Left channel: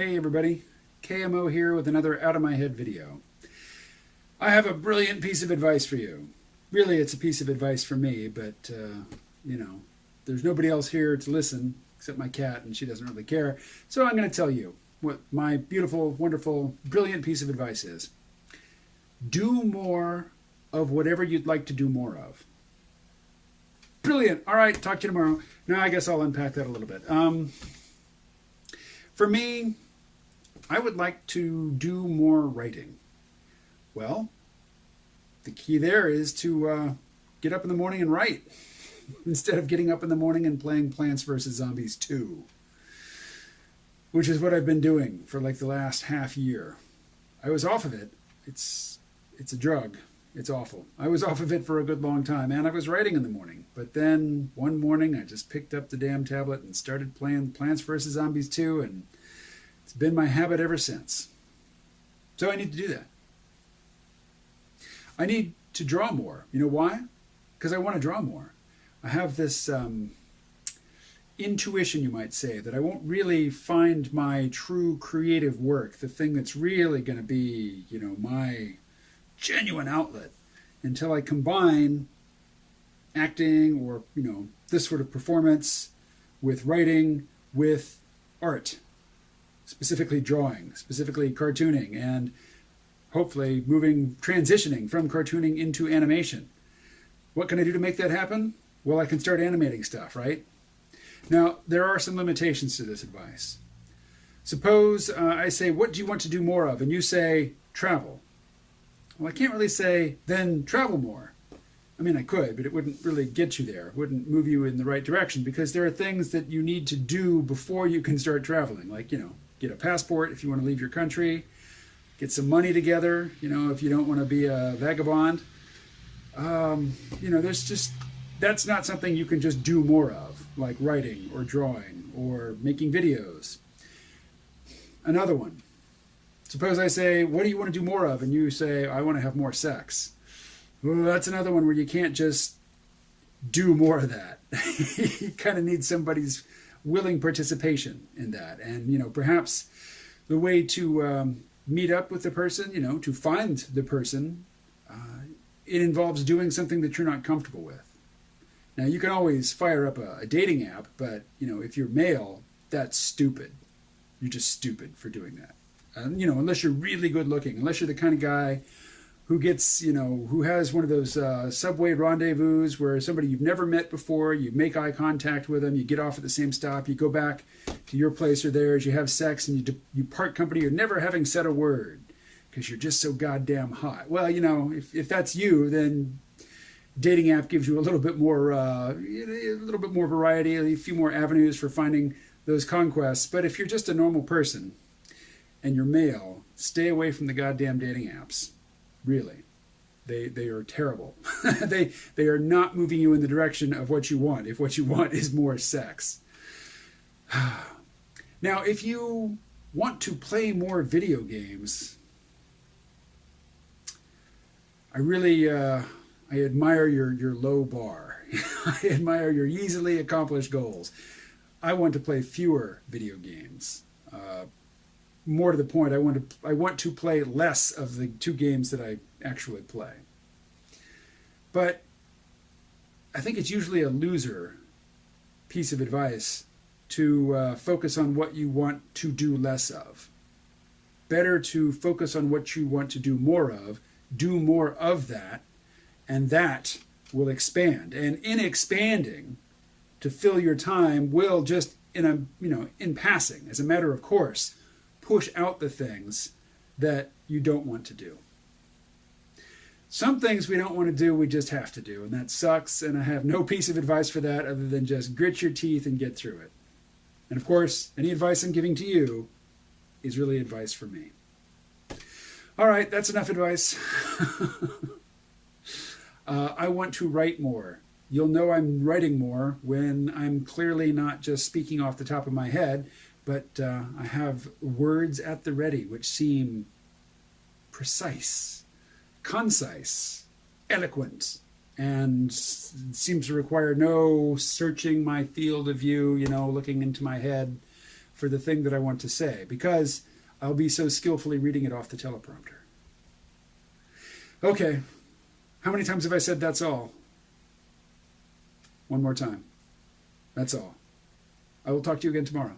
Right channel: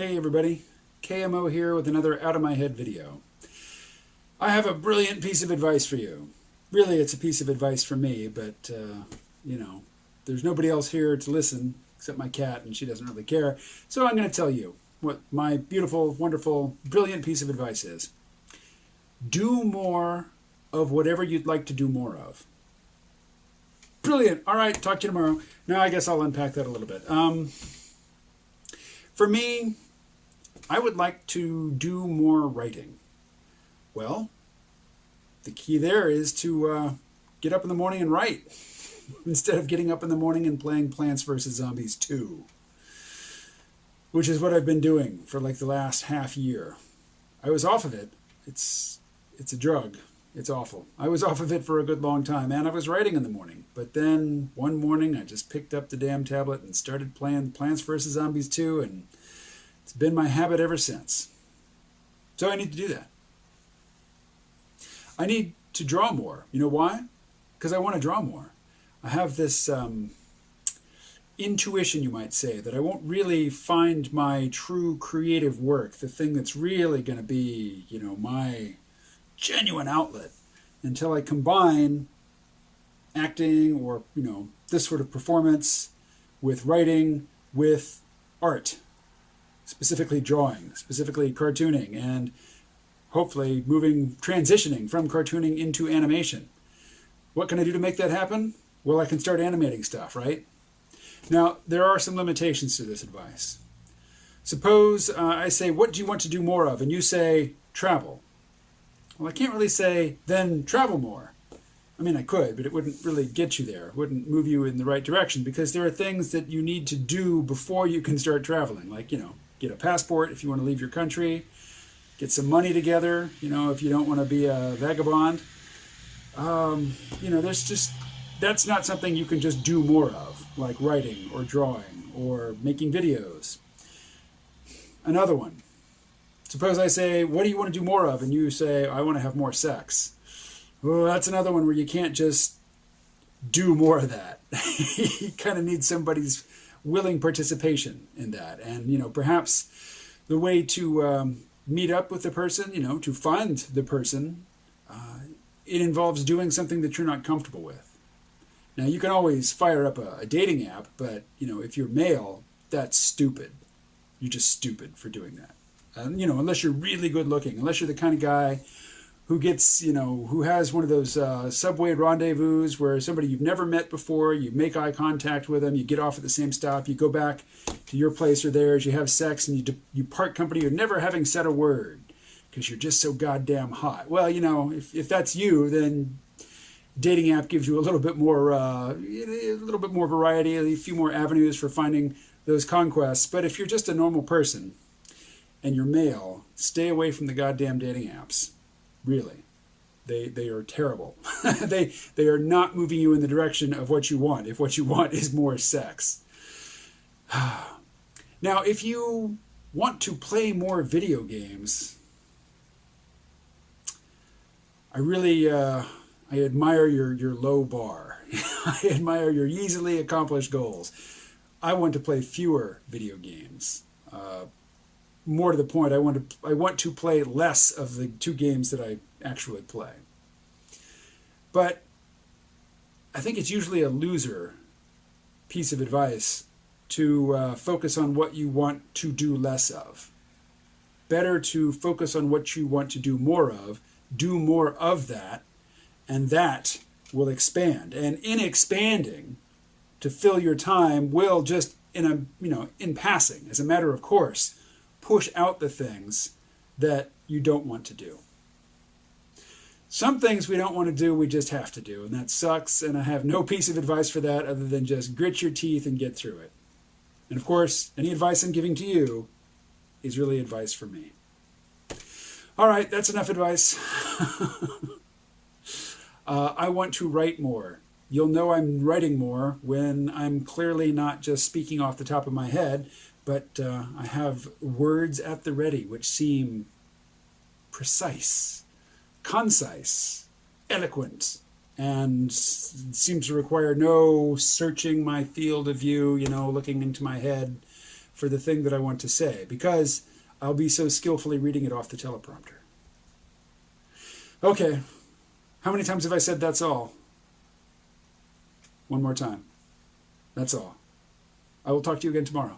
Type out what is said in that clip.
Hey everybody, KMO here with another Out of My Head video. I have a brilliant piece of advice for you. Really, it's a piece of advice for me, but, there's nobody else here to listen except my cat, and she doesn't really care. So I'm going to tell you what my beautiful, wonderful, brilliant piece of advice is. Do more of whatever you'd like to do more of. Brilliant. All right, talk to you tomorrow. Now I guess I'll unpack that a little bit. For me, I would like to do more writing. Well, the key there is to get up in the morning and write instead of getting up in the morning and playing Plants vs. Zombies 2, which is what I've been doing for like the last half year. I was off of it. It's a drug. It's awful. I was off of it for a good long time, and I was writing in the morning. But then one morning I just picked up the damn tablet and started playing Plants vs. Zombies 2, and it's been my habit ever since. So I need to do that. I need to draw more. You know why? Because I want to draw more. I have this intuition, you might say, that I won't really find my true creative work, the thing that's really going to be, my genuine outlet, until I combine acting or, this sort of performance with writing, with art, specifically drawing, specifically cartooning, and hopefully transitioning from cartooning into animation. What can I do to make that happen? Well, I can start animating stuff, right? Now, there are some limitations to this advice. Suppose I say, what do you want to do more of? And you say, travel. Well, I can't really say, then travel more. I mean, I could, but it wouldn't really get you there. It wouldn't move you in the right direction, because there are things that you need to do before you can start traveling. Like, get a passport if you want to leave your country, get some money together, if you don't want to be a vagabond. That's not something you can just do more of, like writing or drawing or making videos. Another one. Suppose I say, what do you want to do more of? And you say, I want to have more sex. Well, that's another one where you can't just do more of that. You kind of need somebody's willing participation in that. And, perhaps the way to meet up with the person, to find the person, it involves doing something that you're not comfortable with. Now, you can always fire up a dating app, but, if you're male, that's stupid. You're just stupid for doing that. Unless you're really good looking, unless you're the kind of guy who gets, who has one of those subway rendezvous where somebody you've never met before, you make eye contact with them, you get off at the same stop, you go back to your place or theirs, you have sex, and you part company, you're never having said a word because you're just so goddamn hot. Well, if that's you, then dating app gives you a little bit more variety, a few more avenues for finding those conquests. But if you're just a normal person and you're male, stay away from the goddamn dating apps. Really. They are terrible. they are not moving you in the direction of what you want, if what you want is more sex. Now, if you want to play more video games, I really I admire your low bar. I admire your easily accomplished goals. I want to play fewer video games. More to the point, I want to play less of the 2 games that I actually play. But I think it's usually a loser piece of advice to focus on what you want to do less of. Better to focus on what you want to do more of, do more of that, and that will expand. And in expanding, to fill your time will just in passing, as a matter of course, push out the things that you don't want to do. Some things we don't want to do, we just have to do, and that sucks, and I have no piece of advice for that other than just grit your teeth and get through it. And of course, any advice I'm giving to you is really advice for me. All right, that's enough advice. I want to write more. You'll know I'm writing more when I'm clearly not just speaking off the top of my head, but I have words at the ready which seem precise, concise, eloquent, and seems to require no searching my field of view, looking into my head, for the thing that I want to say, because I'll be so skillfully reading it off the teleprompter. Okay, how many times have I said that's all? One more time. That's all. I will talk to you again tomorrow.